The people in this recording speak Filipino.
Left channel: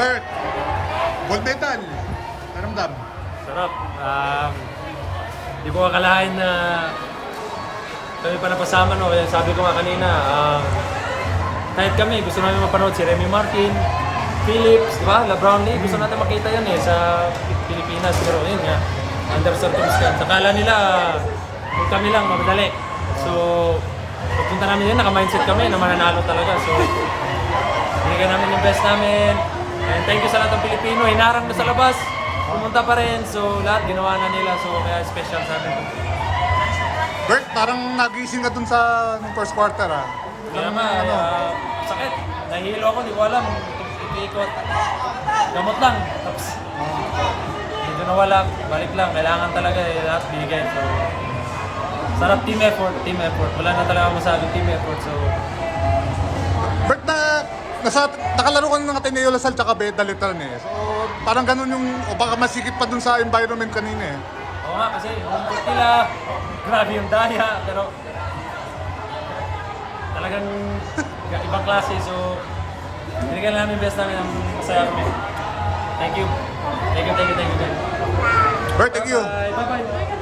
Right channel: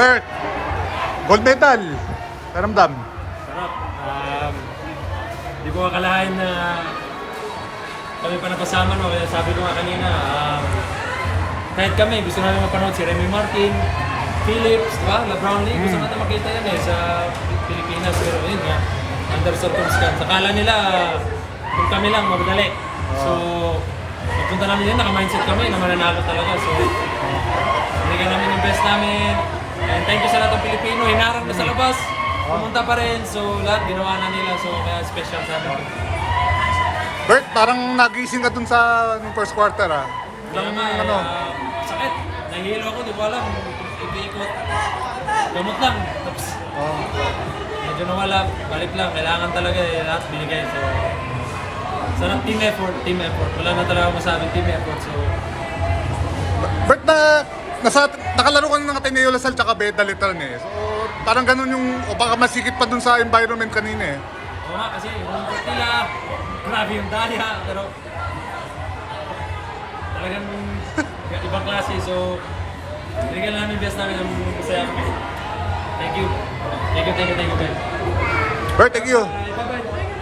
Bert, gold medal. Karamdam. Sarap. Di ko akalain na kami pa napasama, no? Kaya sabi ko nga kanina, kahit kami, gusto namin mapanood si Remy Martin, Phillips, di ba? LeBron James, gusto natin makita yan sa Pilipinas. Pero yun nga, under circumstance. Akala nila, kung kami lang, madali. So, pagpunta namin yun, naka-mindset kami na mananalo talaga. So, binigyan namin yung best namin. And thank you sa lahat ng Pilipino. Hinarang na sa labas. Pumunta pa rin. So, lahat ginawa na nila. So, kaya special sa amin. Bert, parang nagising ka dun sa nung first quarter ah. Kaya Ilang, nga, sakit. Nahihilo ako, di ko alam. Ikot. Gamot lang. Tapos, medyo nawala. Balik lang. Kailangan talaga lahat binigay. So, sarap team effort. Team effort. Wala na talaga masabi team effort. So, Bert, nakalaro ka ng Ateneo Lasal tsaka Beda Letran eh. So, parang ganun yung, o baka masikip pa dun sa environment kanina eh. oo nga kasi home court nila, grabe yung daya, pero talagang ibang klase. So, binigyan namin best namin ang masaya kami. Thank you. Thank you guys. Bert, thank you. Bye-bye.